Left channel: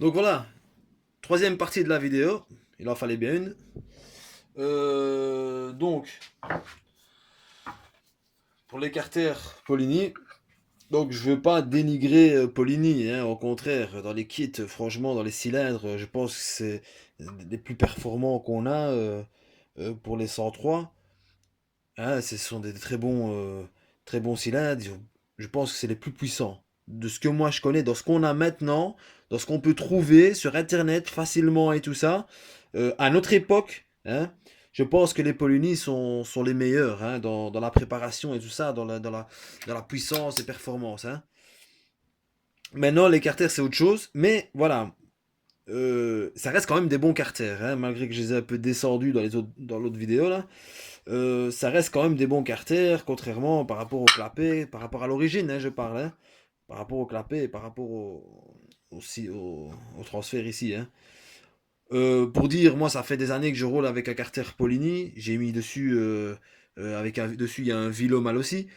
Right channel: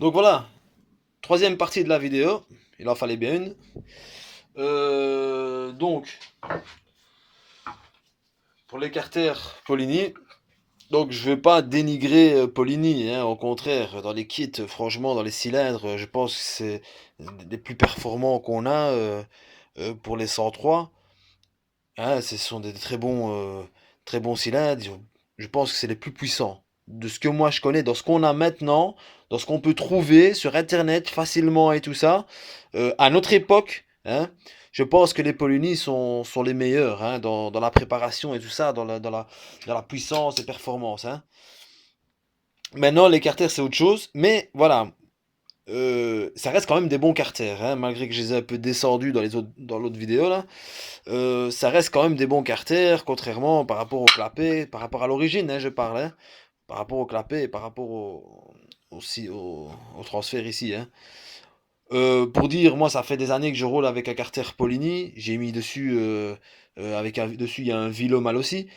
Donc voilà, troisième partie de la vidéo. Il en fallait bien une. Donc, pour les carters Polini, donc je ne veux pas dénigrer Polini, hein, au contraire, dans les kits, franchement, dans les cylindres, je pense que c'est des plus performants qu'on a pour les 103. Hein, ce sont des très bons cylindres. Je pense que c'est les plus puissants. De ce que moi je connais, dans ce qu'on a maintenant, dans ce qu'on peut trouver sur Internet facilement et tout ça, à notre époque, hein, je pense que les Poloni sont les meilleurs, hein, dans la préparation et tout ça, dans la puissance et performance, hein. Maintenant, les carters, c'est autre chose. Mais voilà, ça reste quand même des bons carters, hein, malgré que je les ai un peu descendus dans l'autre vidéo là. Ça reste quand même des bons carters, contrairement par rapport au clapet, par rapport à l'origine, hein, je parle, hein, par rapport au clapet et par rapport au transfert ici, hein. Pour dire, moi, ça fait des années que je roule avec un carter Polini. J'ai mis dessus, dessus, il y a un Vilo mal aussi.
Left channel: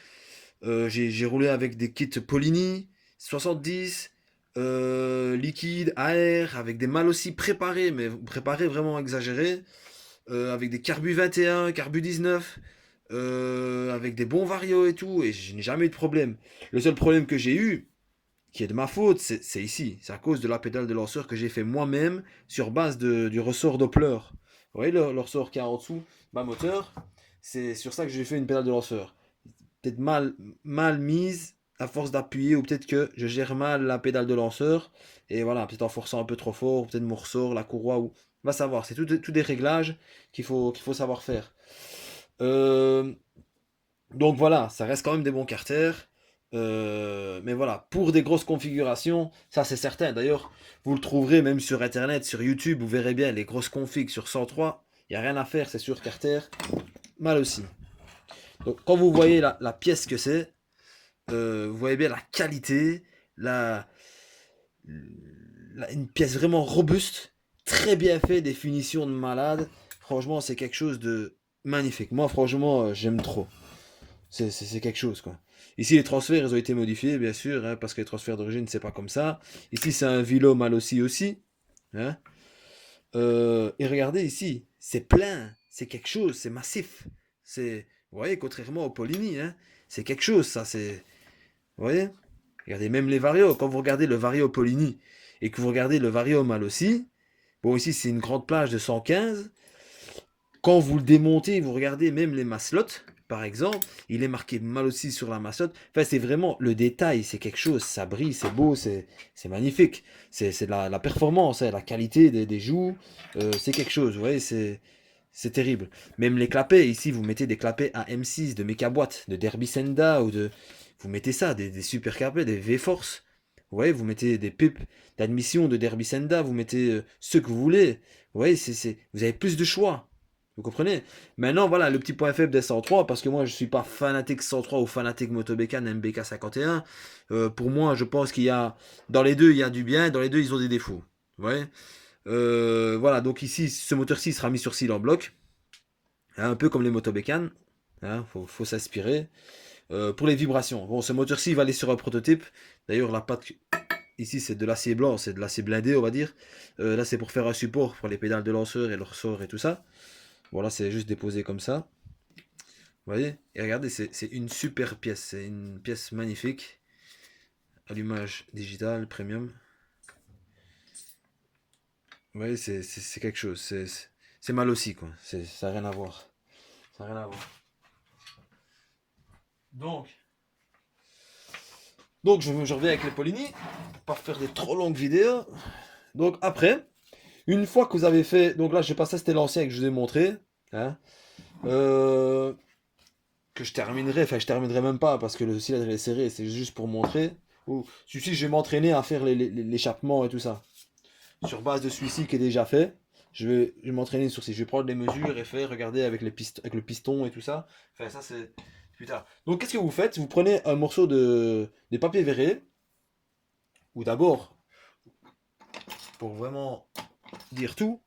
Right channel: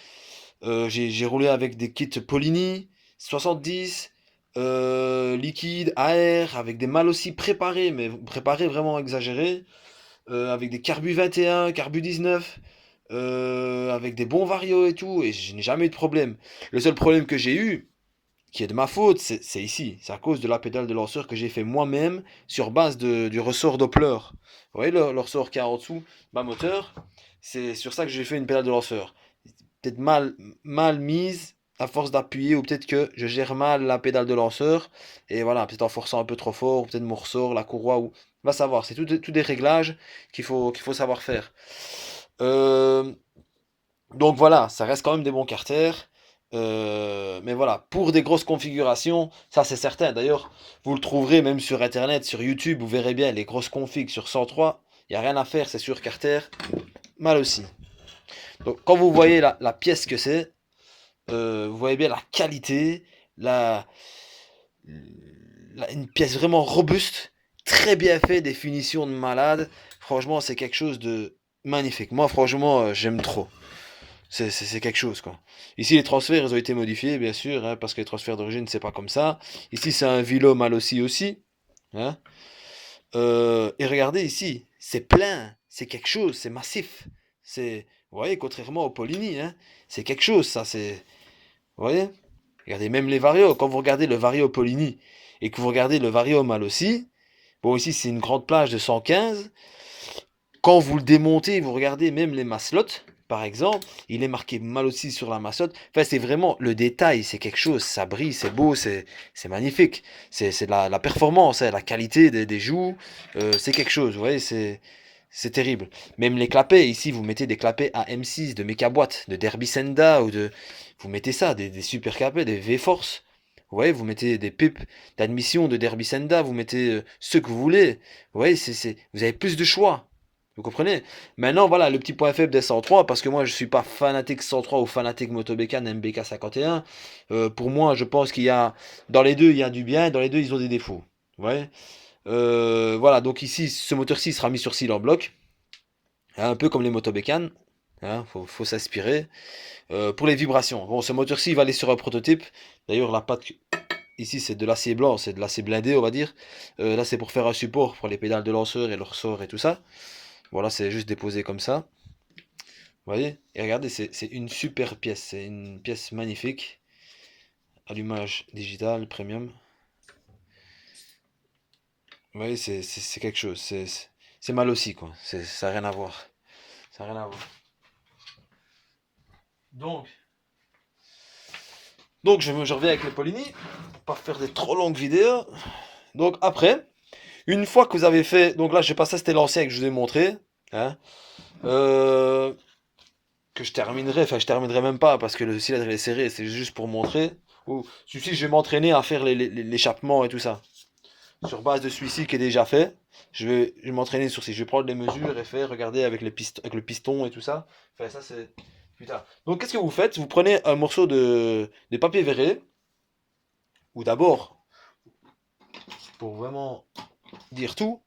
J'ai roulé avec des kits Polini 70, liquide, AR, avec des mâles aussi préparés, mais préparés vraiment exagérés, avec des Carbu 21, Carbu 19, avec des bons varios et tout, et je n'ai jamais eu de problème. Le seul problème que j'ai eu, qui est de ma faute, c'est ici. C'est à cause de la pédale de lanceur que j'ai fait moi-même sur base du ressort Doppler. Vous voyez le ressort qui est en dessous, ma moteur, c'est sur ça que j'ai fait une pédale de lanceur. Peut-être mal mise à force d'appuyer, ou peut-être que je gère mal la pédale de lanceur, et voilà, peut-être en forçant un peu trop fort, ou peut-être mon ressort, la courroie, ou va savoir. C'est tout des réglages qu'il faut savoir faire. Euh, donc voilà, ça reste quand même des bons carters. Mais voilà, pour des grosses configurations, ça c'est certain. D'ailleurs, vous le trouverez même sur internet, sur YouTube, vous verrez bien les grosses configs sur 103. Il n'y a rien à faire, c'est sur carter. Mal aussi. Donc quand vous voyez la pièce que c'est, vous voyez bien la qualité, la, une pièce vraiment robuste, très bien fait, des finitions de malade. Franchement, c'est quelque chose de magnifique. Moi, franchement, j'aime trop. C'est quelque chose, quoi. Ici, les transferts, ils ont été modifiés, bien sûr, hein, parce que les transferts d'origine, c'est pas comme ça. Ici, c'est un Vilo mal aussi. Hein. Et regardez ici, c'est plein, c'est quelque chose, c'est massif. Vous voyez, contrairement au Polini, hein, c'est quelque chose, ça, c'est, vous voyez. Regardez même les Vario, quand vous regardez le Vario Polini et que vous regardez le Vario mal aussi, bon, ici, c'est une grande plage de 115. Quand vous le démontez, vous regardez même les maslottes, par exemple, il est marqué mal aussi sur la maslotte. Enfin, c'est vraiment le détail, c'est quelque chose, ça brille, c'est beau, c'est magnifique. C'est de la performance, hein, la qualité des joues, c'est quelque chose, vous voyez, c'est terrible. Même les clapets, ici, vous mettez des clapets à M6 de Mecaboîte, de Derby Senda, ou de. Vous mettez ça, des super clapets, des V-Force. Vous voyez, vous mettez des pipes d'admission de Derby Senda, vous mettez ce que vous voulez. Vous voyez, vous avez plus de choix. Vous comprenez? Maintenant, voilà le petit point faible des 103, parce que moi je suis pas fanatique 103 ou fanatique Motobécane MBK 51. Pour moi, je pense qu'il y a. Dans les deux, il y a du bien, dans les deux, ils ont des défauts. Vous voyez? Voilà, donc ici, ce moteur-ci sera mis sur cyle en bloc, hein, un peu comme les Motobécanes. Hein, faut s'inspirer. Pour les vibrations, bon, ce moteur-ci va aller sur un prototype. D'ailleurs, la patte ici, c'est de l'acier blanc, c'est de l'acier blindé, on va dire. Là, c'est pour faire un support pour les pédales de lanceur et le ressort et tout ça. Voilà, c'est juste déposé comme ça. Vous voyez? Et regardez, c'est une super pièce. C'est une pièce magnifique. Allumage digital, premium. Vous voyez, c'est quelque chose. C'est mal aussi, quoi. Ça n'a rien à voir. Ça n'a rien à voir. Donc, je reviens avec les Polini. Pas faire des trop longues vidéos. Donc, après, une fois que vous avez fait. Donc là, je sais pas, ça c'était l'ancien que je vous ai montré. Hein, euh, que je terminerai. Enfin, je terminerai même pas parce que le cylindre est serré. C'est juste pour montrer. Ou celui-ci, je vais m'entraîner à faire l'échappement et tout ça. Sur base de celui-ci qui est déjà fait, je vais m'entraîner sur ces. Je vais prendre les mesures et faire, regarder avec, avec le piston et tout ça. Enfin, ça, c'est plus tard. Donc, qu'est-ce que vous faites? Vous prenez un morceau de papier verré, ou d'abord, pour vraiment dire tout,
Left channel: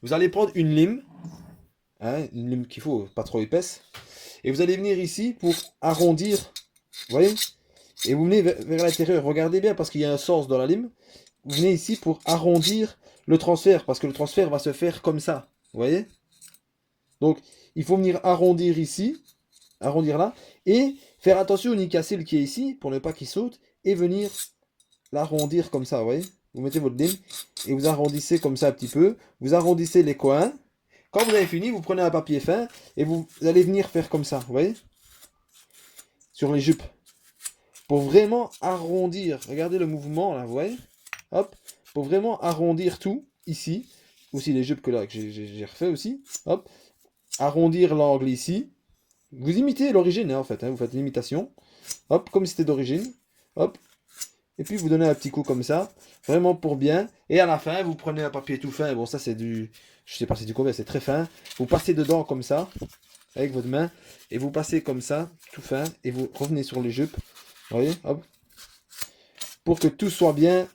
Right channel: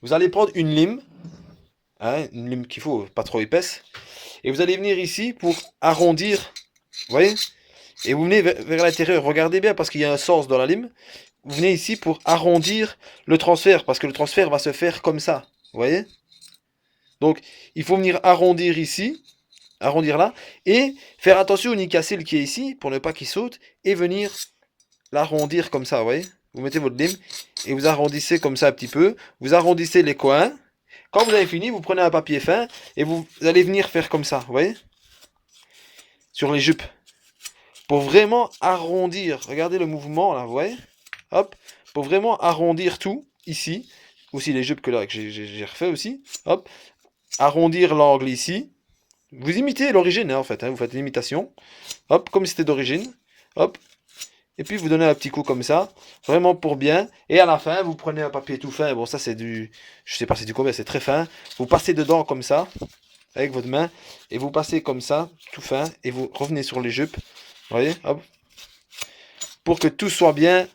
vous allez prendre une lime, hein, une lime qu'il faut, pas trop épaisse, et vous allez venir ici pour arrondir, vous voyez? Et vous venez vers l'intérieur, regardez bien parce qu'il y a un sens dans la lime. vous venez ici pour arrondir le transfert, parce que le transfert va se faire comme ça, vous voyez? Donc, il faut venir arrondir ici, arrondir là, et faire attention au nid cassé qui est ici, pour ne pas qu'il saute, et venir l'arrondir comme ça, vous voyez? Vous mettez votre lime, et vous arrondissez comme ça un petit peu, vous arrondissez les coins. Quand vous avez fini, vous prenez un papier fin, et vous allez venir faire comme ça, vous voyez? Sur les jupes. Pour vraiment arrondir, regardez le mouvement là, vous voyez? Hop, pour vraiment arrondir tout, ici, aussi les jupes que là, que j'ai refait aussi, hop, arrondir l'angle ici. Vous imitez l'origine, hein, en fait, hein, vous faites l'imitation, hop, comme si c'était d'origine, hop, et puis vous donnez un petit coup comme ça, vraiment pour bien, et à la fin, vous prenez un papier tout fin, bon ça c'est du, je sais pas c'est du combien, c'est très fin, vous passez dedans comme ça, avec votre main, et vous passez comme ça, tout fin, et vous revenez sur les jupes, vous voyez, hop, pour que tout soit bien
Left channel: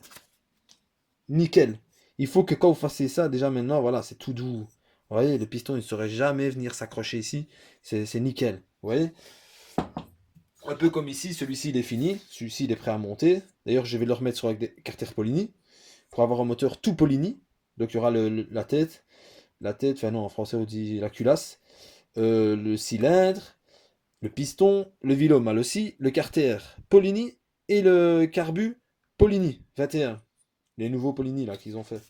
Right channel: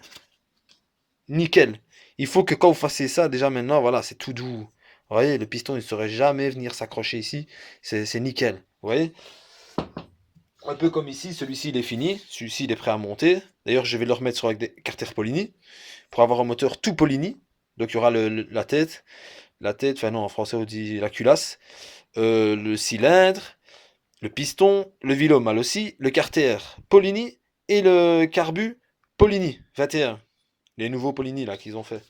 nickel. Il faut que quand vous fassiez ça, déjà maintenant, voilà, c'est tout doux. Vous voyez, le piston, il ne saurait jamais venir s'accrocher ici. C'est nickel. Vous voyez? Un peu comme ici, celui-ci, il est fini. Celui-ci, il est prêt à monter. D'ailleurs, je vais le remettre sur avec des carters Polini pour avoir un moteur tout Polini. Donc, il y aura la tête, enfin non, en français, on dit la culasse, le cylindre, le piston, le vélo mal aussi, le carter Polini et le carbu Polini 21. Les nouveaux Polini là qu'ils ont fait.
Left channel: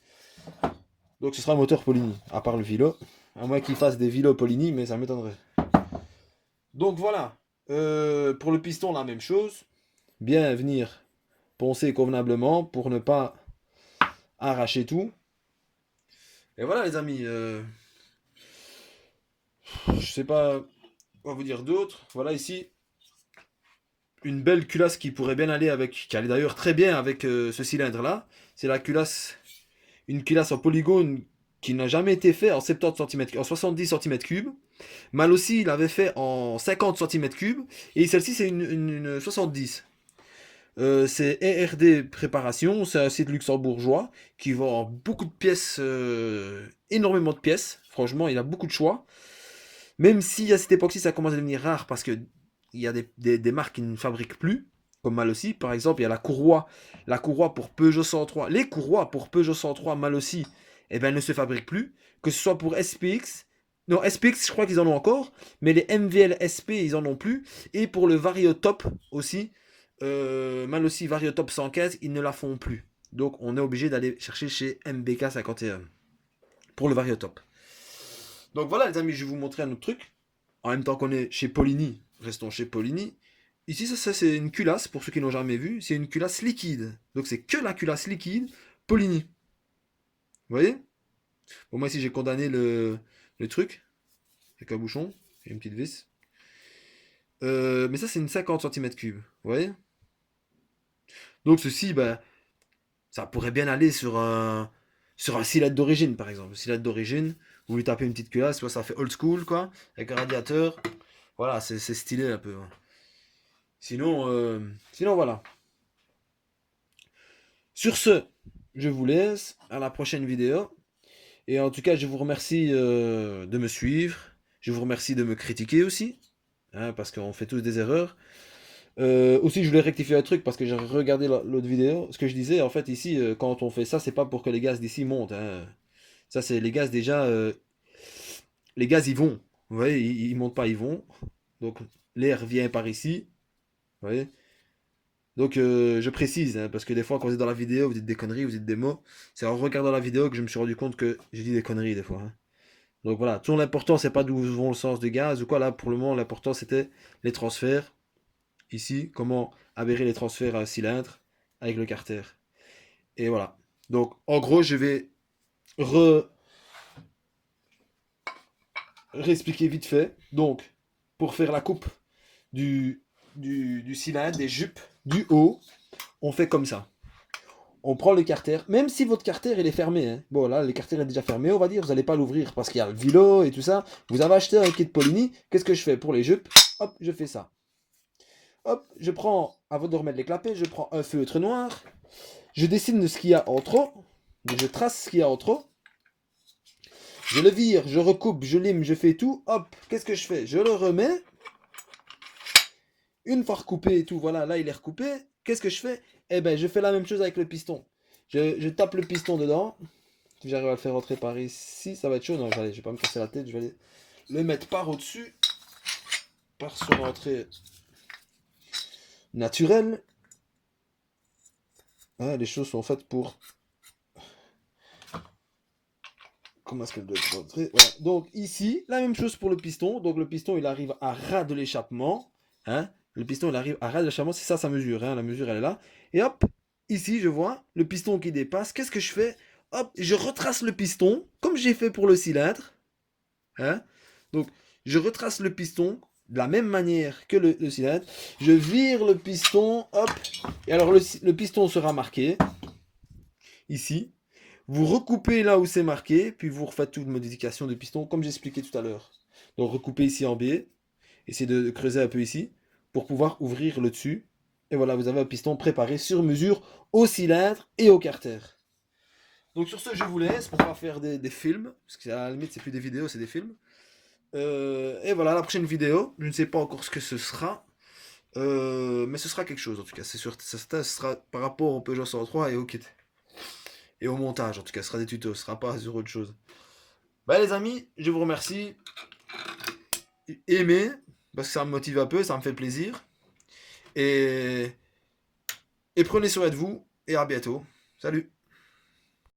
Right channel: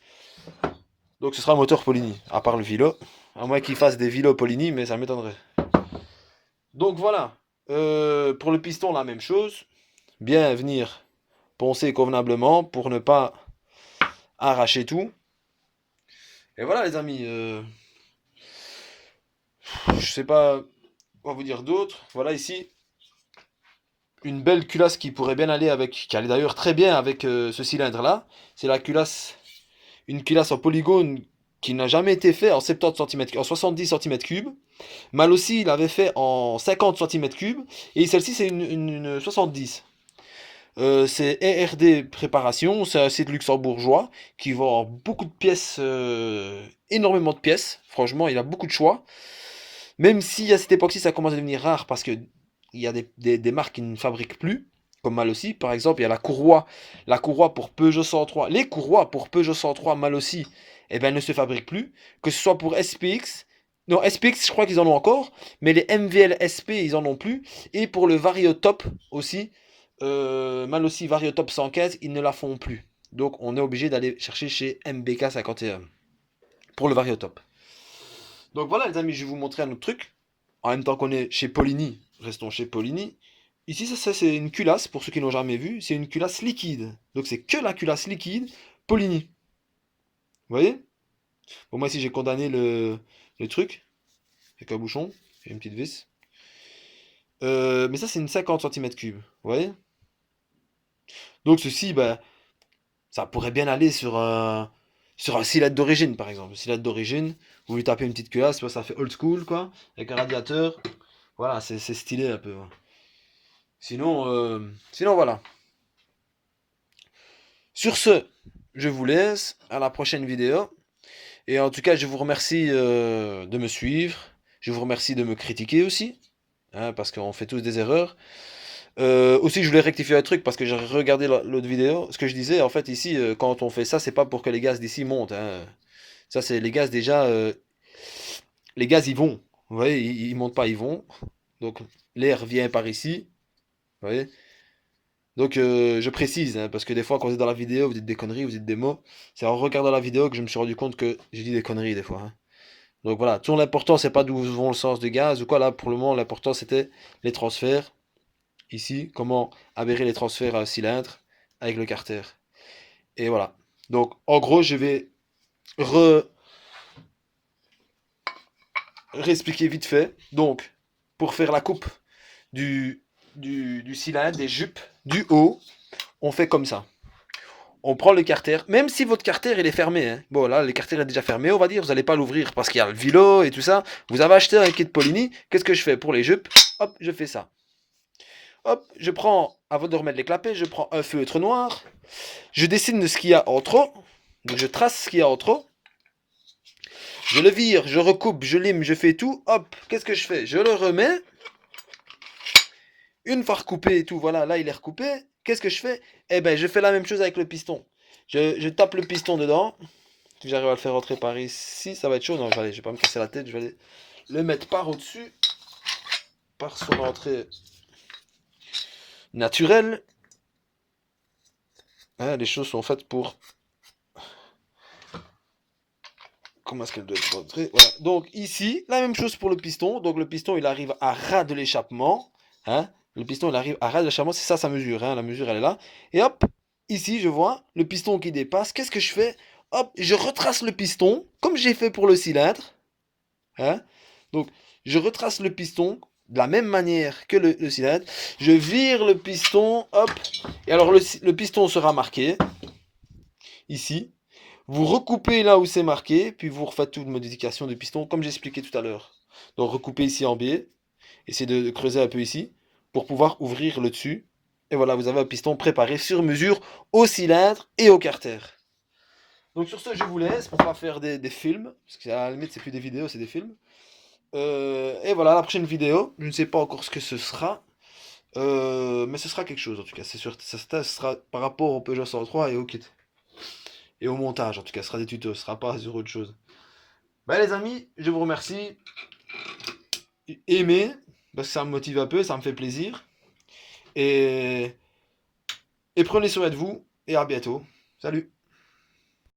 Donc ce sera un moteur Polini, à part le Vilo. À moins qu'ils fassent des Vilo Polini, mais ça m'étonnerait. Donc voilà. Pour le piston, la même chose. Bien venir poncer convenablement pour ne pas arracher tout. Et voilà les amis. Je sais pas quoi vous dire d'autre. Voilà ici. Une belle culasse qui pourrait bien aller avec, qui allait d'ailleurs très bien avec ce cylindre là. C'est la culasse, une culasse en polygone qui n'a jamais été fait en 70 cm, en 70 cm3. Mal aussi, il avait fait en 50 cm3. Et celle-ci, c'est une 70. C'est ERD Préparation, c'est un site luxembourgeois qui vend beaucoup de pièces, énormément de pièces. Franchement, il a beaucoup de choix. Même si à cette époque-ci, ça commence à devenir rare parce que il y a des marques qui ne fabriquent plus, comme Mal aussi. Par exemple, il y a la courroie pour Peugeot 103. Les courroies pour Peugeot 103 Mal aussi, eh ben, ne se fabriquent plus. Que ce soit pour SPX, non, SPX, je crois qu'ils en ont encore, mais les MVL SP, ils en ont plus. Et pour le Variotop aussi, Mal aussi Variotop 115, ils ne la font plus. Donc, on est obligé d'aller chercher chez MBK 51 pour le Variotop. Donc voilà les amis, je vais vous montrer un autre truc. En même temps qu'on est chez Polini, restons chez Polini. Ici, ça c'est une culasse, pour ceux qui n'ont jamais vu, c'est une culasse liquide. Donc c'est que la culasse liquide Polini. Vous voyez? Bon, moi ici j'ai condamné le truc, avec un bouchon et une petite vis. Mais ça c'est une 50 cm3, vous voyez? Donc ceci, bah, ça pourrait bien aller sur un cylindre d'origine par exemple. Le cylindre d'origine, vous lui tapez une petite culasse, ça fait old school quoi, avec un radiateur. Voilà, c'est stylé un peu. Sinon voilà. Sur ce, je vous laisse. À la prochaine vidéo. Et en tout cas, je vous remercie de me suivre. Je vous remercie de me critiquer aussi. Hein, parce qu'on fait tous des erreurs. Aussi, je voulais rectifier un truc parce que j'ai regardé l'autre vidéo. Ce que je disais, en fait, ici, quand on fait ça, c'est pas pour que les gaz d'ici montent. Hein. Ça, c'est les gaz déjà. Les gaz, ils vont. Vous voyez, ils montent pas, ils vont. Donc, l'air vient par ici. Vous voyez. Donc je précise, hein, parce que des fois quand vous êtes dans la vidéo, vous dites des conneries, vous dites des mots. C'est en regardant la vidéo que je me suis rendu compte que j'ai dit des conneries des fois. Hein. Donc voilà, tout l'important c'est pas d'où vont le sens du gaz ou quoi, là pour le moment l'important c'était les transferts. Ici, comment avérer les transferts à un cylindre avec le carter. Et voilà. Donc en gros je vais re réexpliquer vite fait. Donc pour faire la coupe du cylindre, des jupes, du haut, on fait comme ça. On prend le carter, même si votre carter il est fermé. Hein. Bon là, le carter est déjà fermé, on va dire, vous n'allez pas l'ouvrir parce qu'il y a le vilo et tout ça. Vous avez acheté un kit Polini, qu'est-ce que je fais pour les jupes? Hop, je fais ça. Hop, je prends, avant de remettre les clapets, je prends un feutre noir, je dessine ce qu'il y a en trop, donc je trace ce qu'il y a en trop. Je le vire, je recoupe, je lime, je fais tout. Hop, qu'est-ce que je fais? Je le remets. Une fois recoupé et tout, voilà, là il est recoupé. Qu'est-ce que je fais? Eh ben, je fais la même chose avec le piston. Je tape le piston dedans. Si j'arrive à le faire rentrer par ici, ça va être chaud. Non, je vais pas me casser la tête. Je vais aller le mettre par au-dessus. Par son entrée naturelle. Hein, les choses sont faites pour... Comment est-ce qu'elle doit être rentrée? Voilà. Donc ici, la même chose pour le piston. Donc le piston, il arrive à ras de l'échappement. Hein? Le piston, il arrive à ras de l'échappement. C'est ça sa mesure. Hein? La mesure, elle est là. Et hop, ici, je vois le piston qui dépasse. Qu'est-ce que je fais? Hop, je retrace le piston, comme j'ai fait pour le cylindre. Hein? Donc, je retrace le piston de la même manière que le cylindre. Je vire le piston, hop. Et alors, le piston sera marqué ici. Vous recoupez là où c'est marqué, puis vous refaites toute modification du piston, comme j'expliquais tout à l'heure. Donc, recoupez ici en biais. Essayez de creuser un peu ici pour pouvoir ouvrir le dessus. Et voilà, vous avez un piston préparé sur mesure au cylindre et au carter. Donc sur ce, je vous laisse pour pas faire des films, parce que à la limite, c'est plus des vidéos, c'est des films. Et voilà, la prochaine vidéo, je ne sais pas encore ce que ce sera, mais ce sera quelque chose en tout cas. C'est sûr, ça sera par rapport au Peugeot 103 et au kit. Et au montage, en tout cas, ce sera des tutos, ce sera pas sur autre chose. Bah les amis, je vous remercie. Aimez, parce que ça me motive un peu, ça me fait plaisir. Et, et prenez soin de vous, et à bientôt. Salut!